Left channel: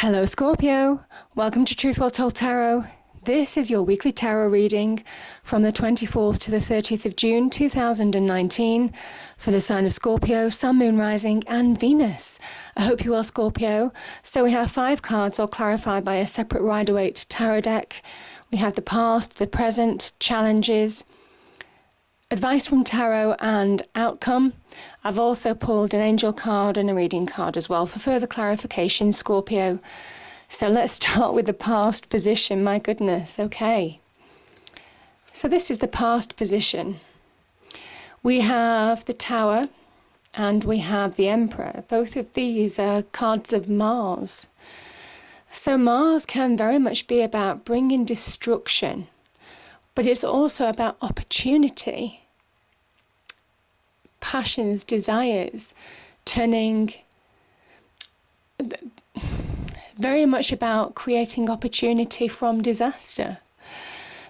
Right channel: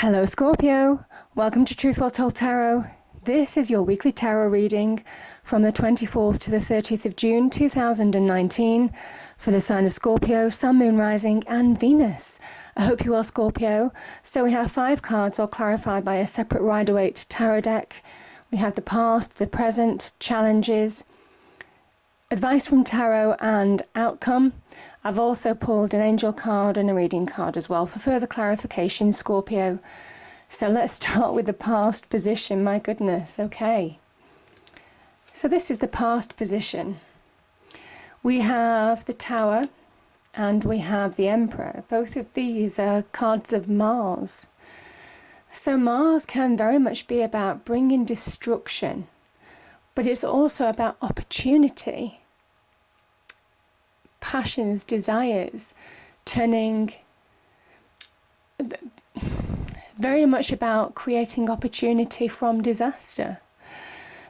Hello Scorpio, welcome to Truth Well Told Tarot. This is your weekly tarot reading from the 24th to the 30th of June 2019 for the sign of Scorpio, Sun, Moon, Rising and Venus. I hope you're well, Scorpio. So we have 5 cards all clarified by a separate Rider-Waite tarot deck. We have the past, the present, challenges, advice from tarot and outcome. I've also pulled an angel card and a reading card as well for further clarification, Scorpio. So let's start with the past position. My goodness, okay. So this is the past position. We have the Tower and we have the Emperor. Both of these are cards of Mars. So Mars can very much be about bringing destruction, but it's also about opportunity, passions, desires, turning, very much about creating opportunity from disaster.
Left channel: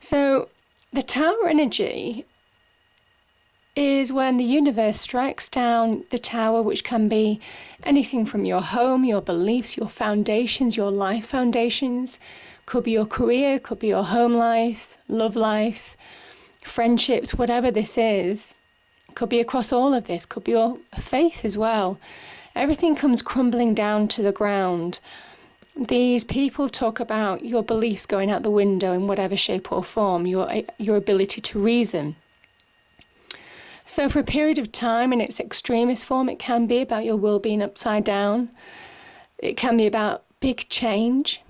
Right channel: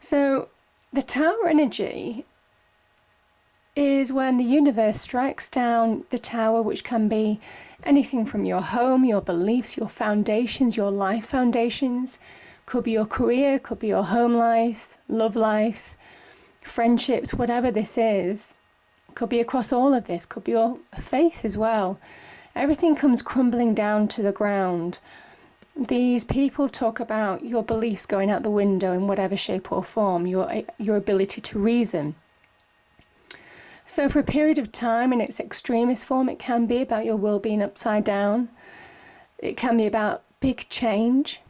So the Tower energy is when the universe strikes down the tower, which can be anything from your home, your beliefs, your foundations, your life foundations. Could be your career, could be your home life, love life, friendships, whatever this is. Could be across all of this, could be your faith as well. Everything comes crumbling down to the ground. These people talk about your beliefs going out the window in whatever shape or form, your ability to reason. So for a period of time, in its extremist form, it can be about your world being upside down. It can be about big change.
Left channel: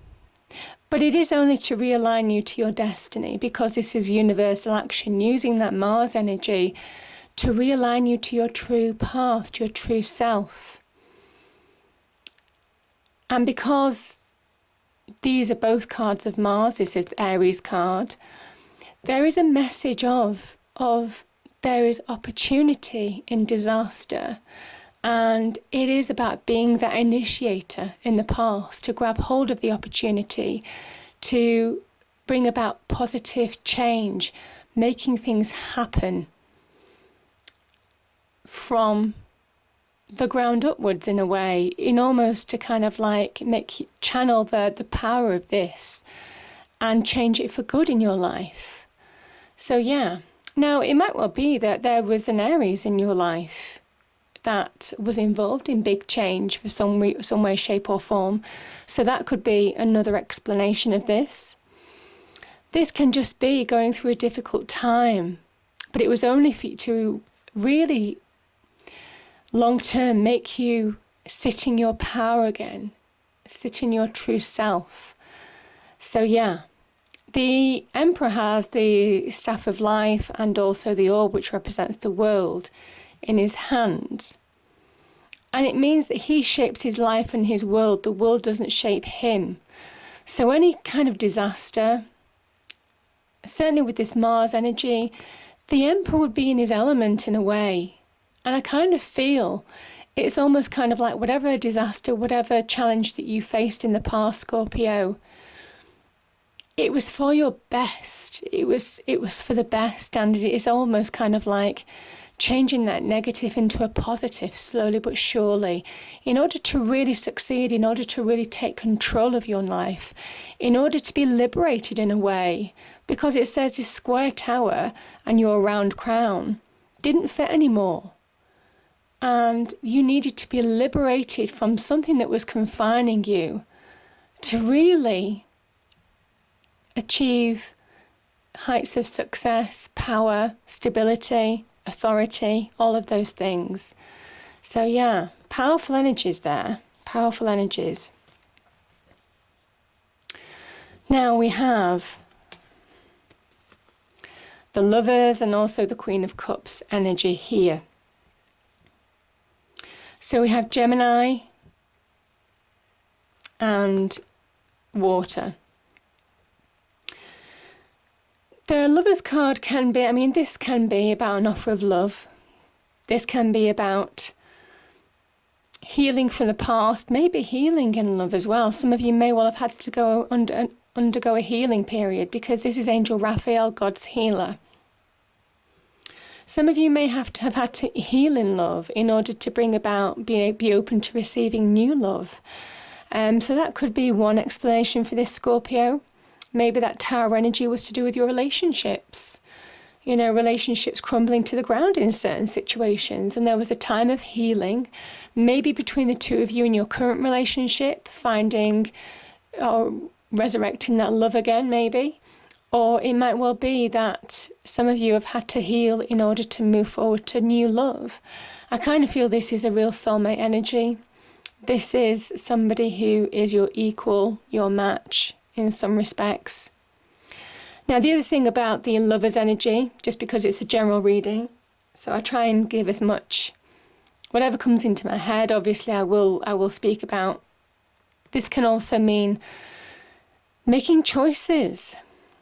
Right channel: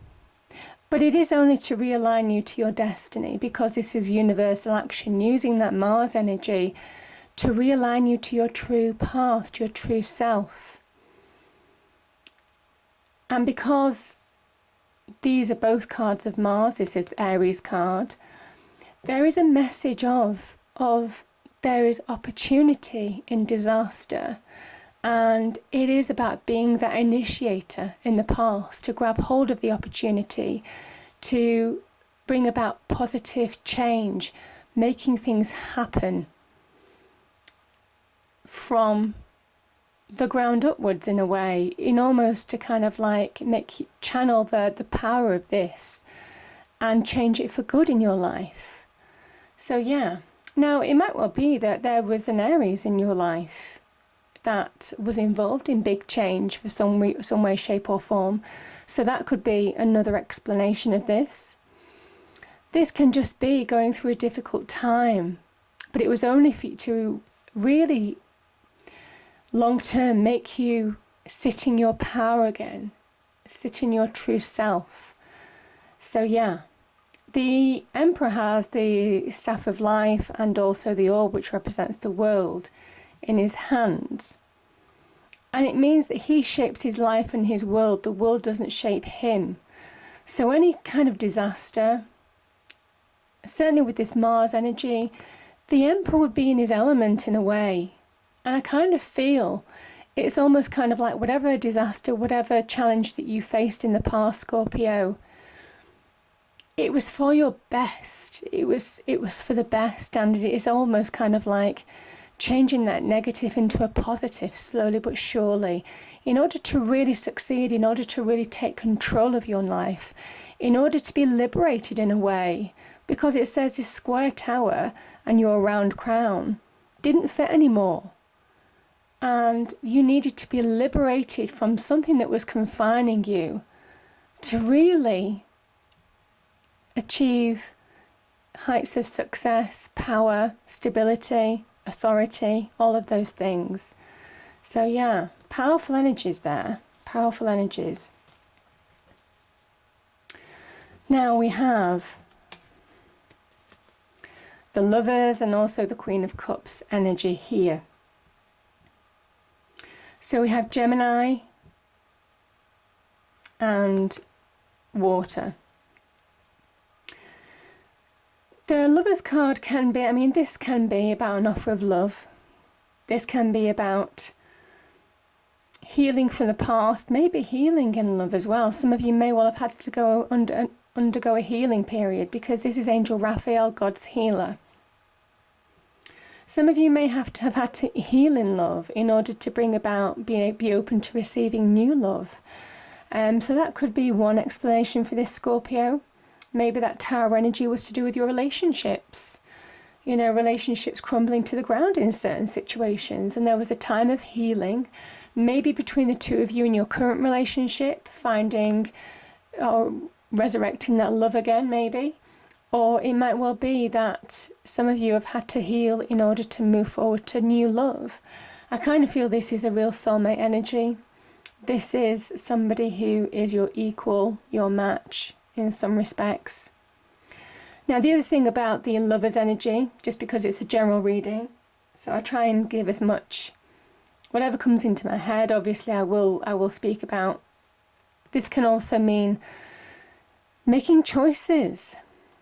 But it is only to realign you to your destiny, because this is universal action, using that Mars energy to realign you to your true path, to your true self. And because these are both cards of Mars, this is the Aries card, there is a message of there is opportunity in disaster. And it is about being that initiator in the past, to grab hold of the opportunity, to bring about positive change, making things happen from the ground upwards in a way, in almost to kind of like channel the power of this and change it for good in your life. So yeah, now it might well be that there was an Aries in your life that was involved in big change for some way, shape or form. So that could be another explanation of this. This can just be going through a difficult time, but it was only for you to really long term make you sit in your power again, sit in your true self. So yeah, the Emperor has the Staff of Life and also the Orb, which represents the world, in his hands. And it means that he shapes his life and his world. The world doesn't shape him. So any kind of disaster, certainly with this Mars energy, the Emperor would be in his element in a way. And I kind of feel it's almost kind of like whatever disaster, whatever challenge that you faced in the past, Scorpio, it was for your best. It was for the best, and it is almost kind of like changing that negative into a positive, slowly but surely, in order to really succeed, in order to really take control of your life, in order to be liberated in a way, because it says this square tower and your round crown didn't fit anymore. And you needed to be liberated from something that was confining you to really achieve heights of success, power, stability, authority, all of those things. So yeah, powerful energies there, powerful energies. Now we have the Lovers and also the Queen of Cups energy here. So we have Gemini and water. The Lovers card can be, this can be about an offer of love. This can be about healing from the past, maybe healing in love as well. Some of you may well have had to go undergo a healing period, because this is Angel Raphael, God's healer. Some of you may have had to heal in love in order to bring about, be open to receiving new love. So that could be one explanation for this, Scorpio. Maybe that Tower energy was to do with your relationships. You know, relationships crumbling to the ground in certain situations. And there was a time of healing, maybe between the two of you in your current relationship, finding or resurrecting that love again, maybe. Or it might well be that some of you have had to heal in order to move forward to new love. I kind of feel this is a real soulmate energy. This is somebody who is your equal, your match in some respects. Now, the other thing about the Lover's energy, just because it's a general reading, so I try and give as much, whatever comes into my head, obviously I will speak about. This can also mean making choices.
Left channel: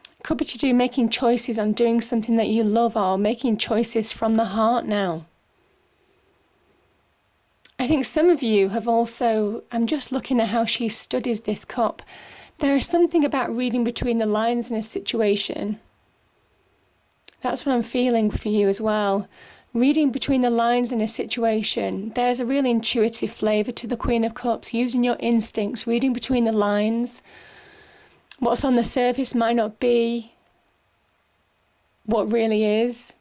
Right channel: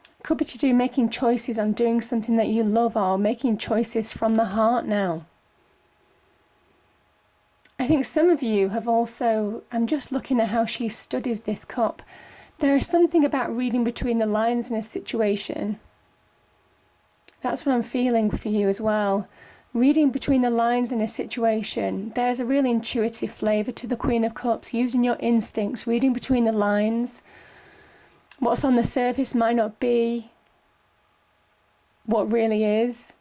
It could be to do making choices on doing something that you love, or making choices from the heart now. I think some of you have also, I'm just looking at how she studies this cup. There is something about reading between the lines in a situation. That's what I'm feeling for you as well. Reading between the lines in a situation. There's a really intuitive flavour to the Queen of Cups, using your instincts, reading between the lines. What's on the surface might not be what really is.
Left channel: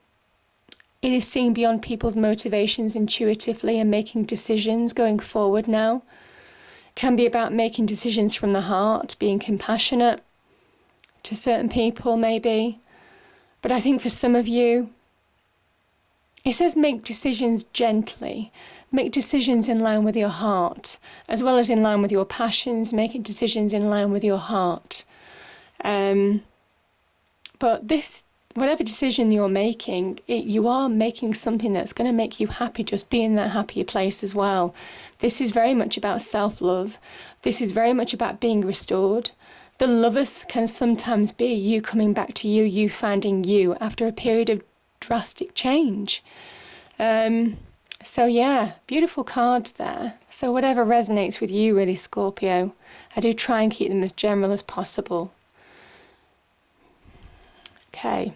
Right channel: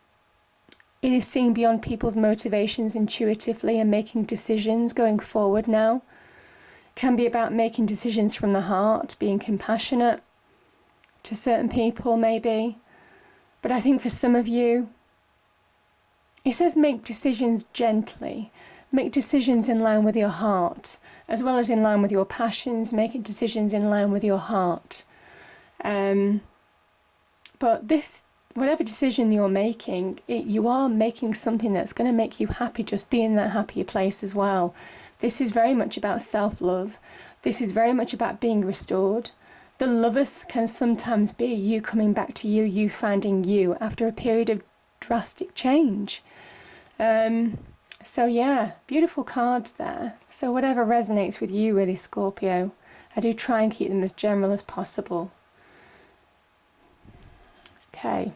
It is seeing beyond people's motivations intuitively and making decisions going forward now. It can be about making decisions from the heart, being compassionate to certain people maybe. But I think for some of you, it says make decisions gently. Make decisions in line with your heart, as well as in line with your passions, making decisions in line with your heart. But this, whatever decision you're making, you are making something that's going to make you happy, just be in that happier place as well. This is very much about self-love. This is very much about being restored. The Lovers can sometimes be you coming back to you, you finding you after a period of drastic change. So yeah, beautiful cards there. So whatever resonates with you really, Scorpio. I do try and keep them as general as possible. Okay.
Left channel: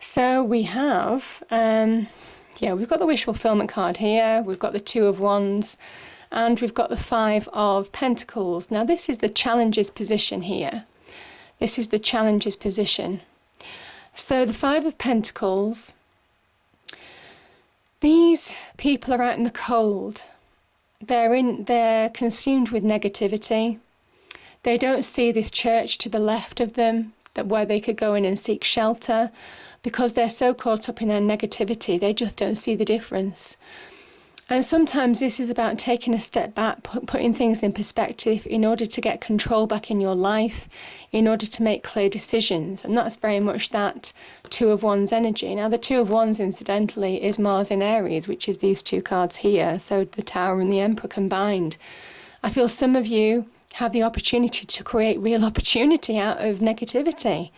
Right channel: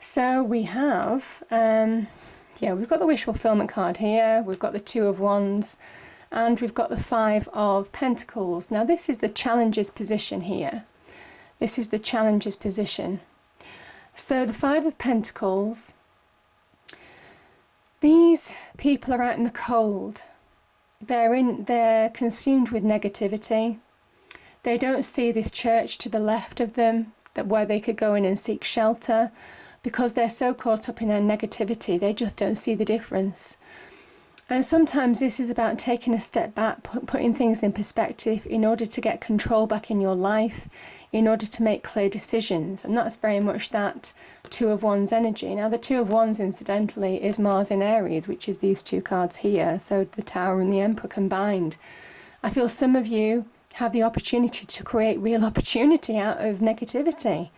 So we have, we've got the Wish Fulfillment card here. We've got the Two of Wands. And we've got the Five of Pentacles. Now this is the Challenger's position here. This is the Challenger's position. So the Five of Pentacles, these people are out in the cold. They're consumed with negativity. They don't see this church to the left of them, where they could go in and seek shelter, because they're so caught up in their negativity. They just don't see the difference. And sometimes this is about taking a step back, putting things in perspective in order to get control back in your life, in order to make clear decisions. And that's very much that Two of Wands energy. Now, the Two of Wands, incidentally, is Mars in Aries, which is these two cards here. So the Tower and the Emperor combined. I feel some of you have the opportunity to create real opportunity out of negativity.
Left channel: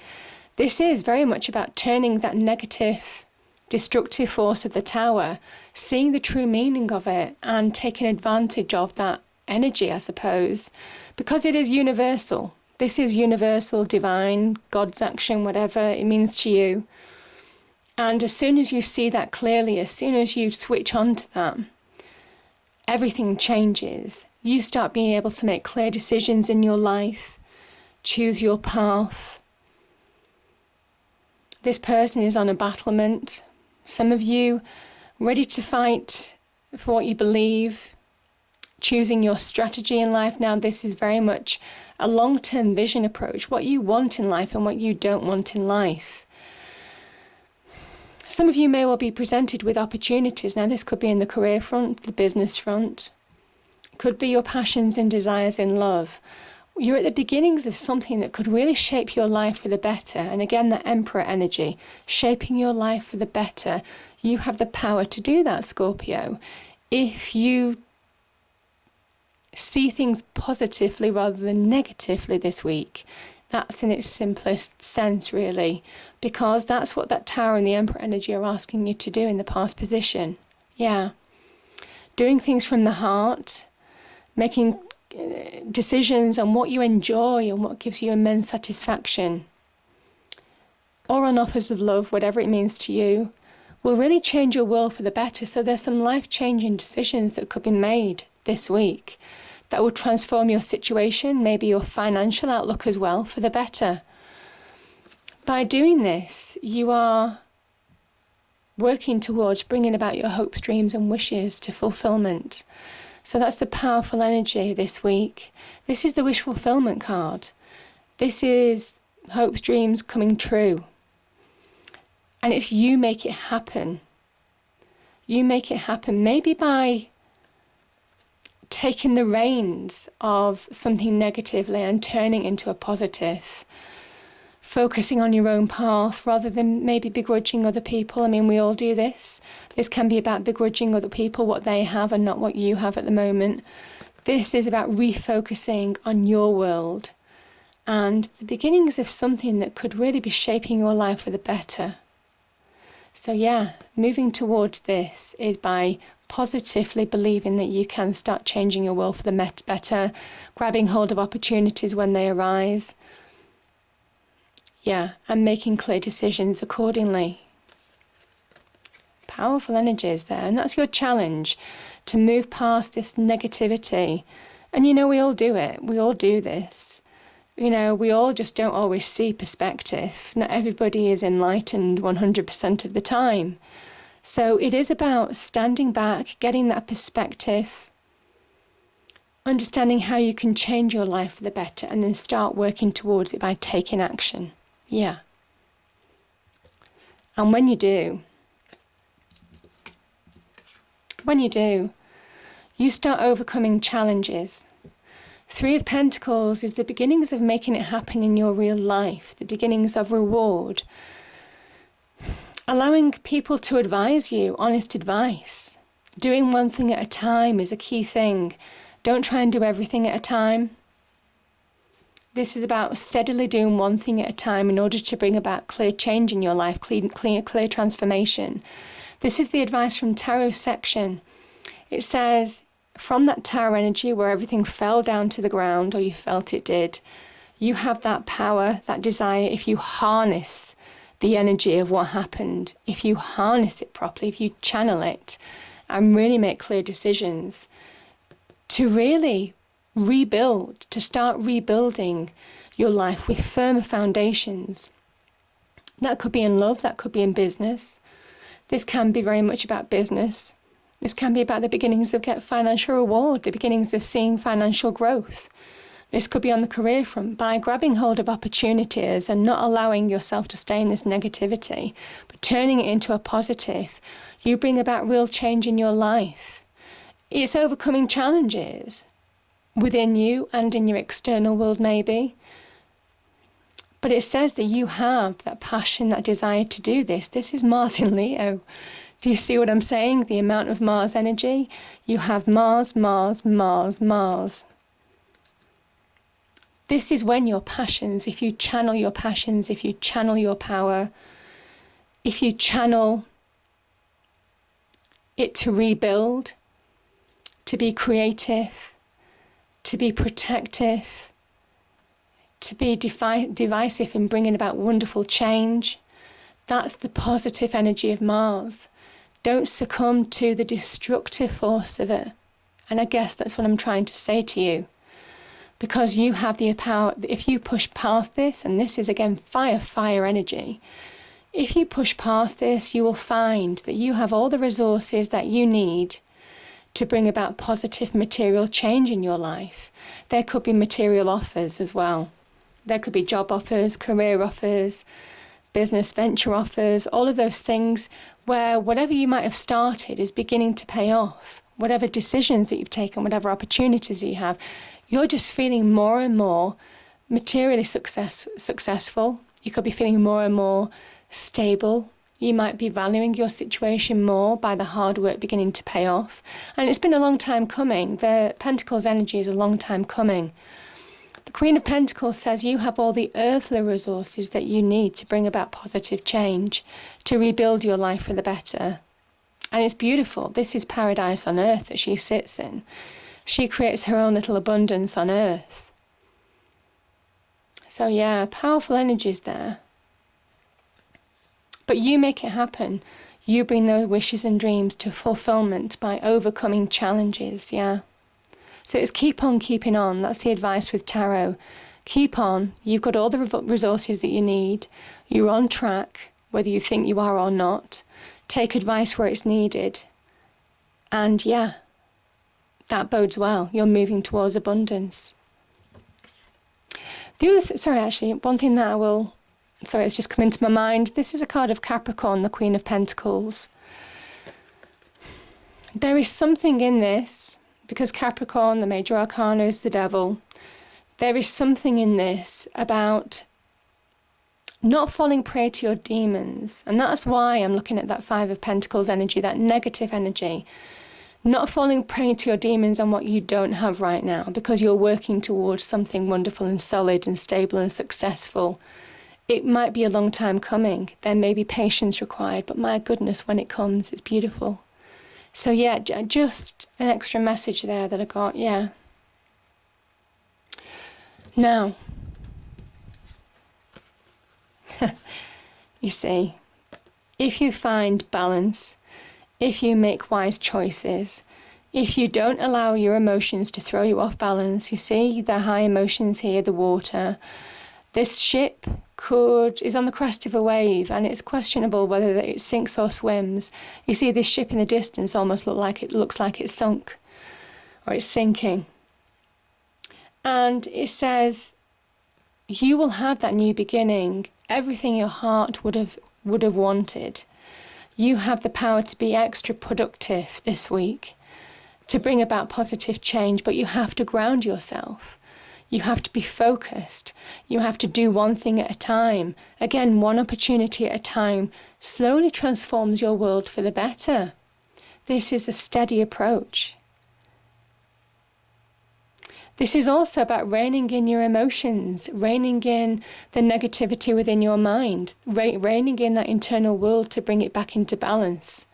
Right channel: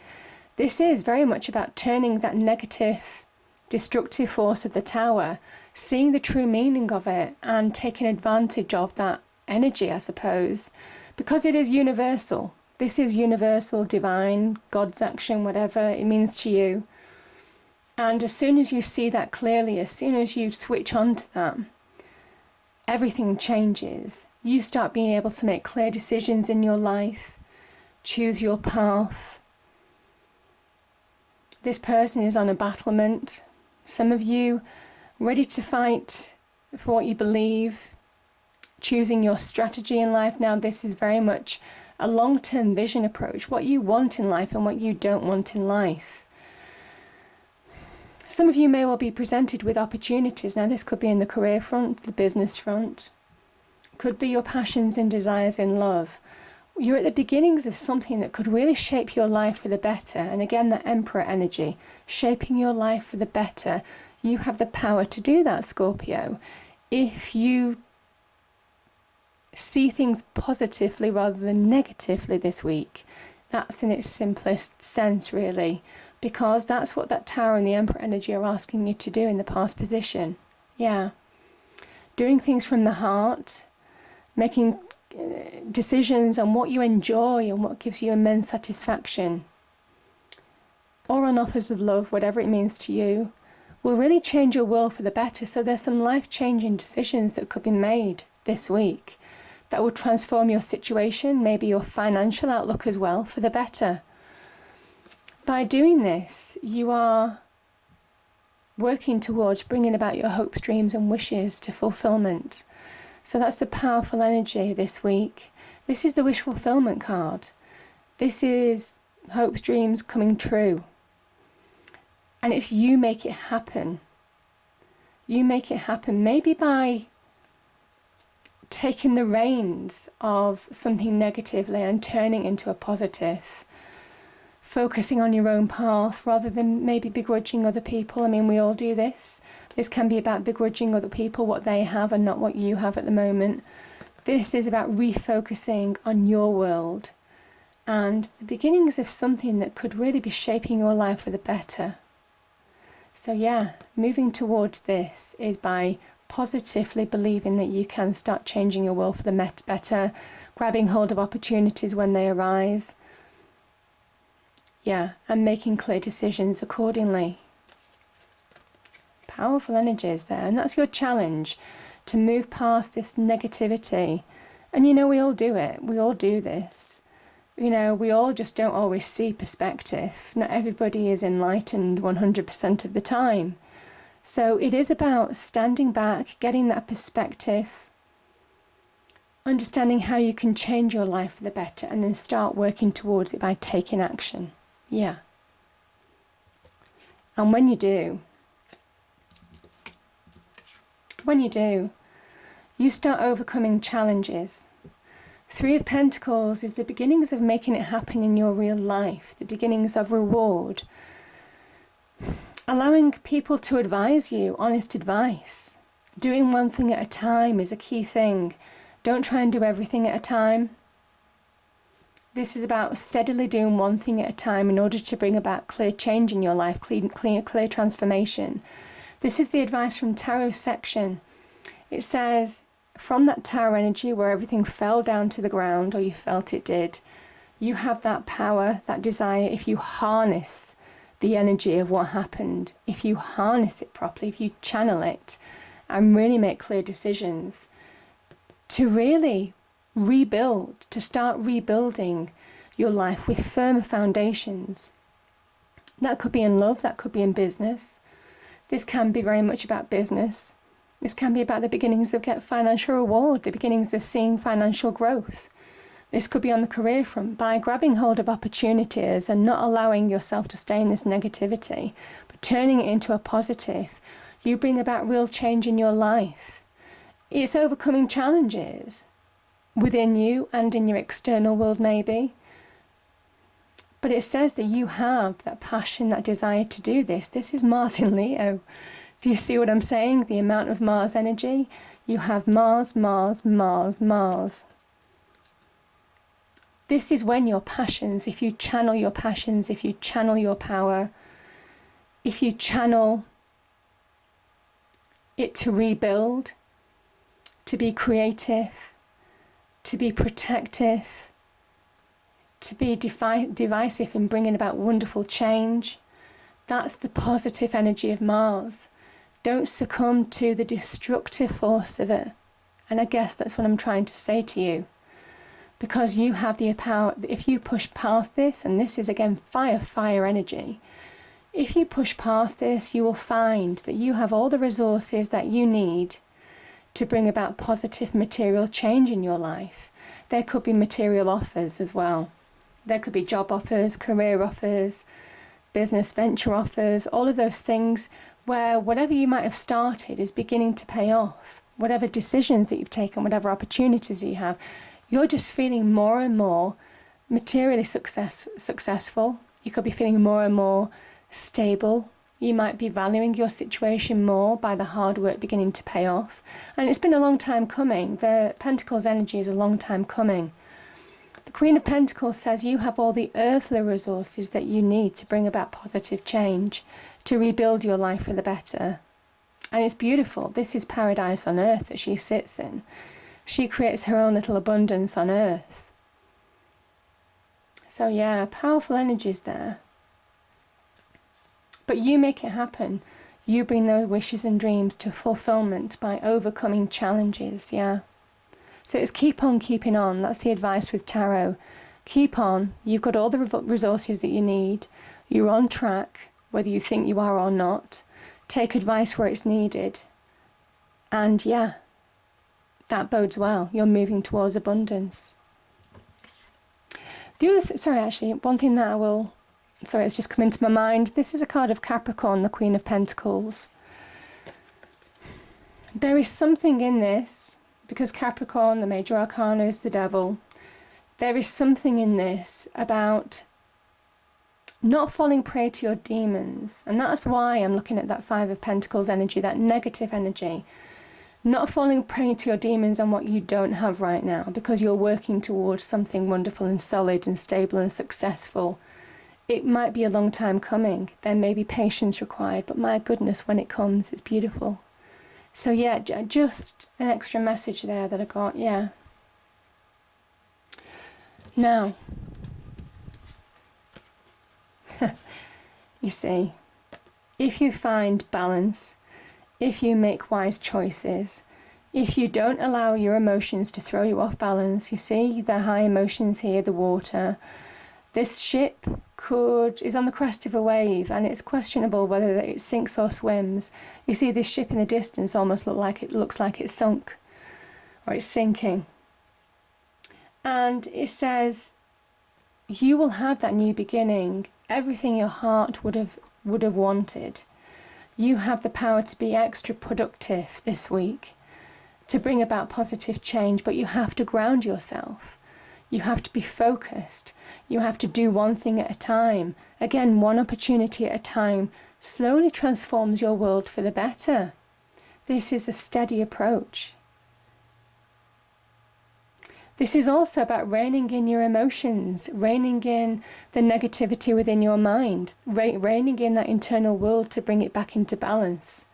This is very much about turning that negative, destructive force of the Tower, seeing the true meaning of it and taking advantage of that energy, I suppose, because it is universal. This is universal, divine, God's action, whatever it means to you. And as soon as you see that clearly, as soon as you switch on to that, everything changes. You start being able to make clear decisions in your life, choose your path. This person is on a battlement. Some of you ready to fight for what you believe, choosing your strategy in life. Now, this is very much a long-term vision approach, what you want in life and what you don't want in life. Some of you may well be presented with opportunities. Now, this could be in the career front, the business front. Could be your passions and desires in love. You're at the beginnings of something that could really shape your life for the better. And again, the Emperor energy, shaping your life for the better. You have the power to do that, Scorpio. If you see things positively rather than negatively this week, that's in its simplest sense, really. Because that's what that Tower and the Emperor energy are asking you to do in the past position. Yeah. Doing things from the heart, making decisions on what you enjoy and what gives you immense satisfaction, or on offers of love, whatever it means to you, will really change your world for the better. So there's some life-changing decisions that could be made this week that will transform your situation, maybe your financial outlook as well, for the better. By doing this, you are working towards bringing about your hopes, dreams and wishes to fulfillment. So that's the powerful energy this week. This is the wish fulfillment card. This is hopes, dreams coming true. And if you make it happen, you make it happen maybe by taking the reins of something negatively and turning it into a positive. Focusing on your own path rather than maybe begrudging other people. I mean, we all do this. This can be about begrudging other people, what they have and not what you have at the moment. This is about refocusing on your world and the beginnings of something that could really be shaping your life for the better. So yeah, moving towards this is by positively believing that you can start changing your world for the better, grabbing hold of opportunities when they arise. Yeah, and making clear decisions accordingly. Powerful energies there, and that's your challenge, to move past this negativity. And you know, we all do it. We all do this. You know, we all just don't always see perspective. Not everybody is enlightened 100% of the time. So it is about standing back, getting that perspective, understanding how you can change your life for the better, and then start working towards it by taking action. Yeah. And when you do, you start overcoming challenges. 3 of Pentacles is the beginnings of making it happen in your real life, the beginnings of reward. Allowing people to advise you, honest advice. Doing one thing at a time is a key thing. Don't try and do everything at a time. This is about steadily doing one thing at a time in order to bring about clear change in your life, clear transformation. This is the advice from Tarot section. It says, from that Tower energy where everything fell down to the ground, or you felt it did, you have that power, that desire, if you harness the energy of what happened, if you harness it properly, if you channel it and really make clear decisions, to really rebuild, to start rebuilding your life with firmer foundations. That could be in love, that could be in business. This can be very much about business. This can be about the beginnings of get financial reward, the beginnings of seeing financial growth. This could be on the career front, by grabbing hold of opportunities and not allowing yourself to stay in this negativity, but turning it into a positive. You bring about real change in your life. It's overcoming challenges within you and in your external world maybe. But it says that you have that passion, that desire to do this. This is Mars in Leo. Do you see what I'm saying? The amount of Mars energy. You have Mars, Mars, Mars, Mars. This is when your passions, if you channel your passions, if you channel your power, if you channel it to rebuild, to be creative, to be protective, to be divisive in bringing about wonderful change. That's the positive energy of Mars. Don't succumb to the destructive force of it. And I guess that's what I'm trying to say to you. Because you have the power, if you push past this, and this is again fire energy, if you push past this, you will find that you have all the resources that you need to bring about positive material change in your life. There could be material offers as well. There could be job offers, career offers, business venture offers, all of those things where whatever you might have started is beginning to pay off. Whatever decisions that you've taken, whatever opportunities you have, you're just feeling more and more materially successful. You could be feeling more and more stable. You might be valuing your situation more by the hard work beginning to pay off. And it's been a long time coming. The Pentacles energy is a long time coming. The Queen of Pentacles says you have all the earthly resources that you need to bring about positive change, to rebuild your life for the better. And it's beautiful. This is paradise on earth that she sits in. She creates her own little abundance on earth. So yeah, powerful energies there. But you make it happen. You bring those wishes and dreams to fulfillment by overcoming challenges, yeah. So it's keep on keeping on. That's the advice with tarot. Keep on. You've got all the resources that you need. You're on track, whether you think you are or not. Take advice where it's needed. And yeah, that bodes well. You're moving towards abundance. The other, one thing that it's just come into my mind. This is a card of Capricorn, the Queen of Pentacles. There is something in this, because Capricorn, the major arcana, is the devil. There is something in this about not falling prey to your demons. And that's why I'm looking at that Five of Pentacles energy, that negative energy. Not falling prey to your demons on what you don't have right now, because you're working towards something wonderful and solid and stable and successful. It might be a long time coming. There may be patience required, but my goodness, when it comes, it's beautiful. So yeah, just an extra message there that I got, yeah. Now, you see, if you find balance, if you make wise choices, if you don't allow your emotions to throw you off balance, you see the high emotions here, the water, this ship is on the crest of a wave, and it's questionable whether it sinks or swims. You see this ship in the distance almost looks like it's sunk, or it's sinking. And it says, you will have that new beginning, everything your heart would have wanted. You have the power to be extra productive this week, to bring about positive change, but you have to ground yourself. You have to be focused. You have to do one thing at a time. Again, one opportunity at a time slowly transforms your world for the better. This is a steady approach. This is also about reining in your emotions, reining in the negativity within your mind, reining in that internal world to bring it back into balance.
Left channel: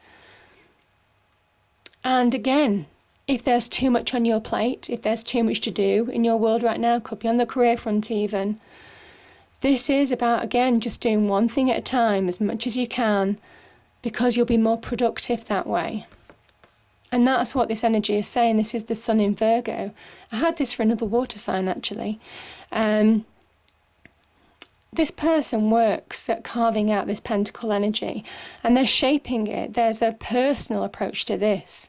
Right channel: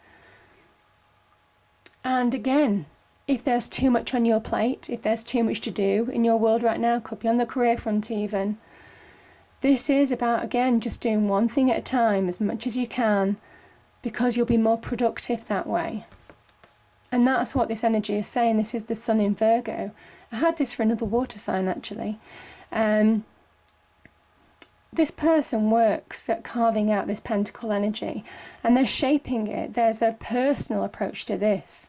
And again, if there's too much on your plate, if there's too much to do in your world right now, could be on the career front even, this is about, again, just doing one thing at a time as much as you can, because you'll be more productive that way. And that's what this energy is saying. This is the Sun in Virgo. I had this for another water sign, actually. This person works at carving out this pentacle energy, and they're shaping it. There's a personal approach to this.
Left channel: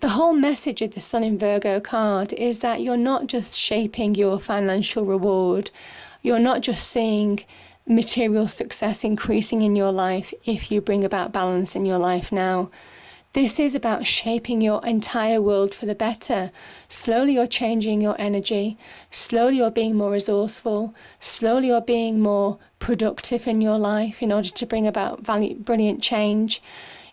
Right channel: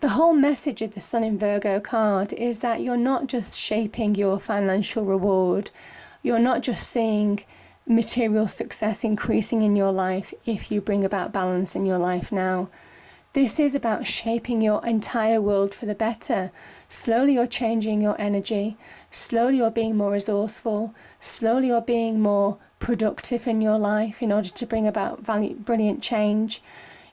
The whole message of the Sun in Virgo card is that you're not just shaping your financial reward. You're not just seeing material success increasing in your life if you bring about balance in your life now. This is about shaping your entire world for the better. Slowly you're changing your energy. Slowly you're being more resourceful. Slowly you're being more productive in your life in order to bring about brilliant change.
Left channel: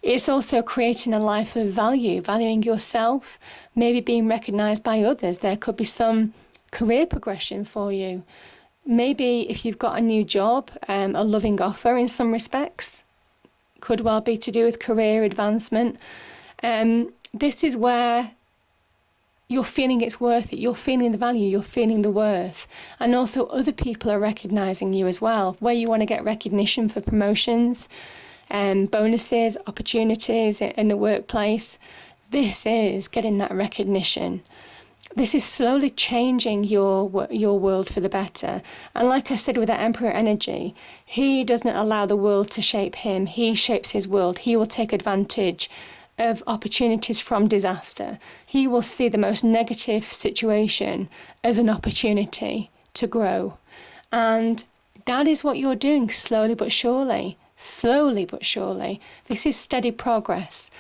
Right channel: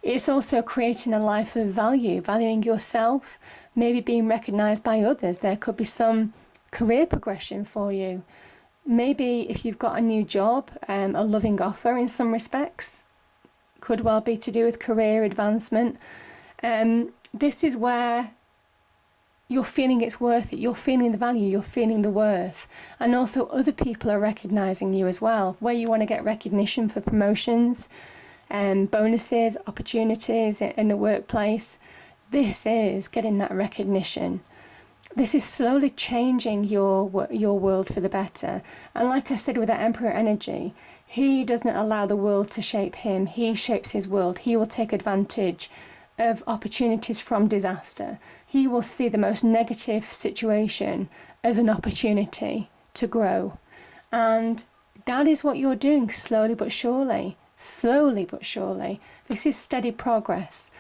It's also creating a life of value, valuing yourself, maybe being recognised by others. There could be some career progression for you. Maybe if you've got a new job, a loving offer in some respects, could well be to do with career advancement. This is where you're feeling it's worth it. You're feeling the value, you're feeling the worth. And also other people are recognising you as well, where you want to get recognition for promotions, bonuses, opportunities in the workplace. This is getting that recognition. This is slowly changing your world for the better. And like I said with that Emperor energy, he doesn't allow the world to shape him. He shapes his world. He will take advantage of opportunities from disaster. He will see the most negative situation as an opportunity to grow. And that is what you're doing slowly but surely. Slowly but surely. This is steady progress.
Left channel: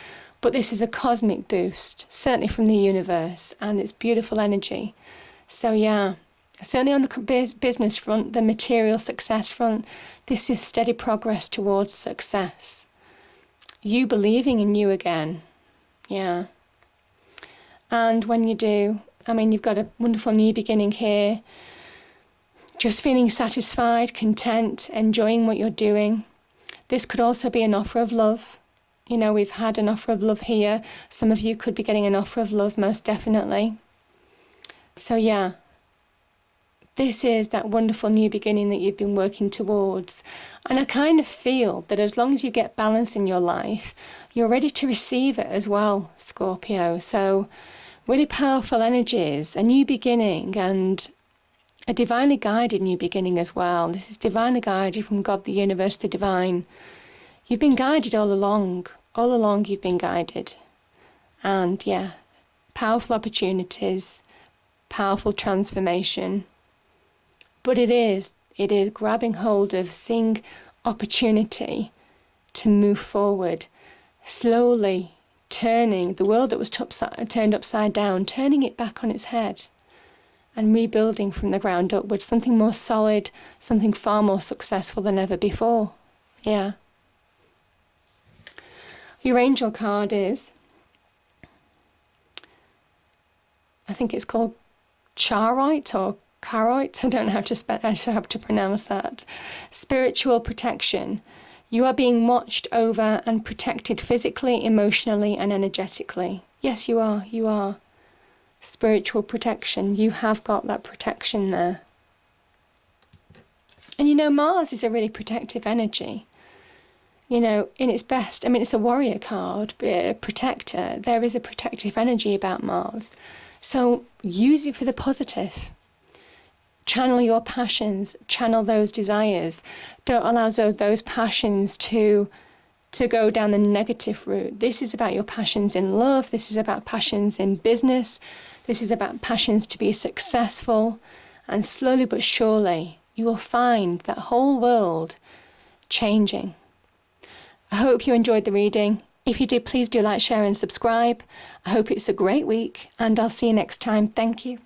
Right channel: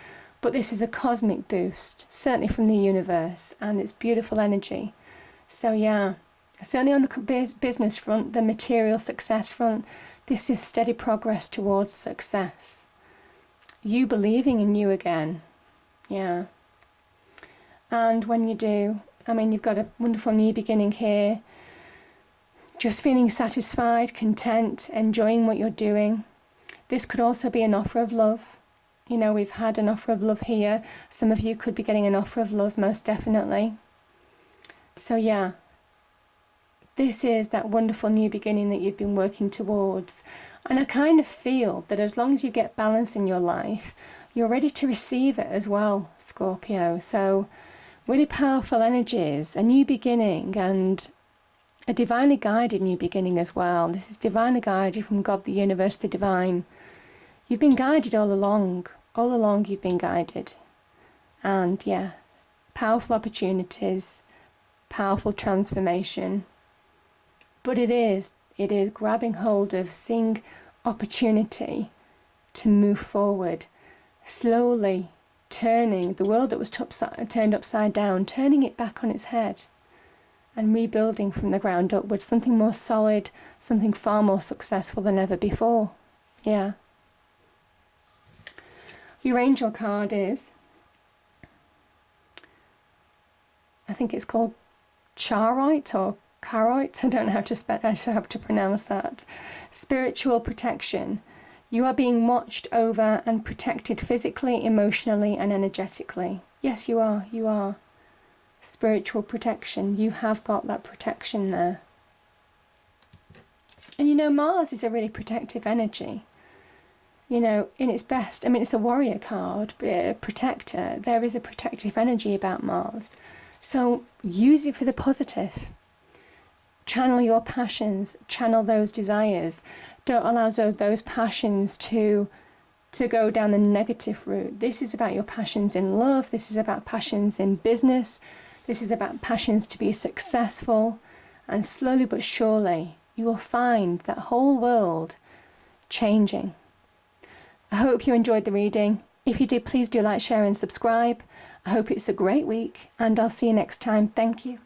But this is a cosmic boost, certainly from the universe, and it's beautiful energy. So yeah, certainly on the business front, the material success front, this is steady progress towards success. You believing in you again, yeah. And when you do, you've got a wonderful new beginning here. Just feeling satisfied, content, enjoying what you're doing. This could also be an offer of love. You know, we've had an offer of love here. Some of you could be getting an offer of love, most definitely. So yeah, this is that wonderful new beginning that you've been working towards. And I kind of feel that as long as you get balance in your life, you're ready to receive it as well, Scorpio. So really powerful energies, a new beginning, and a divinely guided new beginning as well. This is divinely guided from God, the universe, the divine. You've been guided all along. All along you've been guided. And yeah, powerful opportunities, powerful transformation. But it is grabbing hold of, seeing opportunity to move forward, slowly turning the world that was turned upside down, turning it back on its head and rebuilding from the ground upwards, something more solid, something far more successful than ever before. Yeah. Your angel card is, I think it's called Charoite or Caroite. I don't know how to pronounce that. Spiritual protection. You are being watched over and protected physically, emotionally, and energetically. Yes, you are. You are. Spiritual protection. You have got that protection there. And you know, Mars is a really protective energy. You know, in its best, I mean, it's a warrior card, but a protector. There is a protective energy about Mars. So use it for the positive. Channel your passions, channel those desires. Don't allow those passions to go down the negative route. This is about your passions in love. This is about passions in business. This is about passions to be successful. And slowly but surely, you will find that whole world changing. I hope you enjoyed the reading. If you did, please do like, share and subscribe. I hope it's a great week and I'll see you next time. Thank you.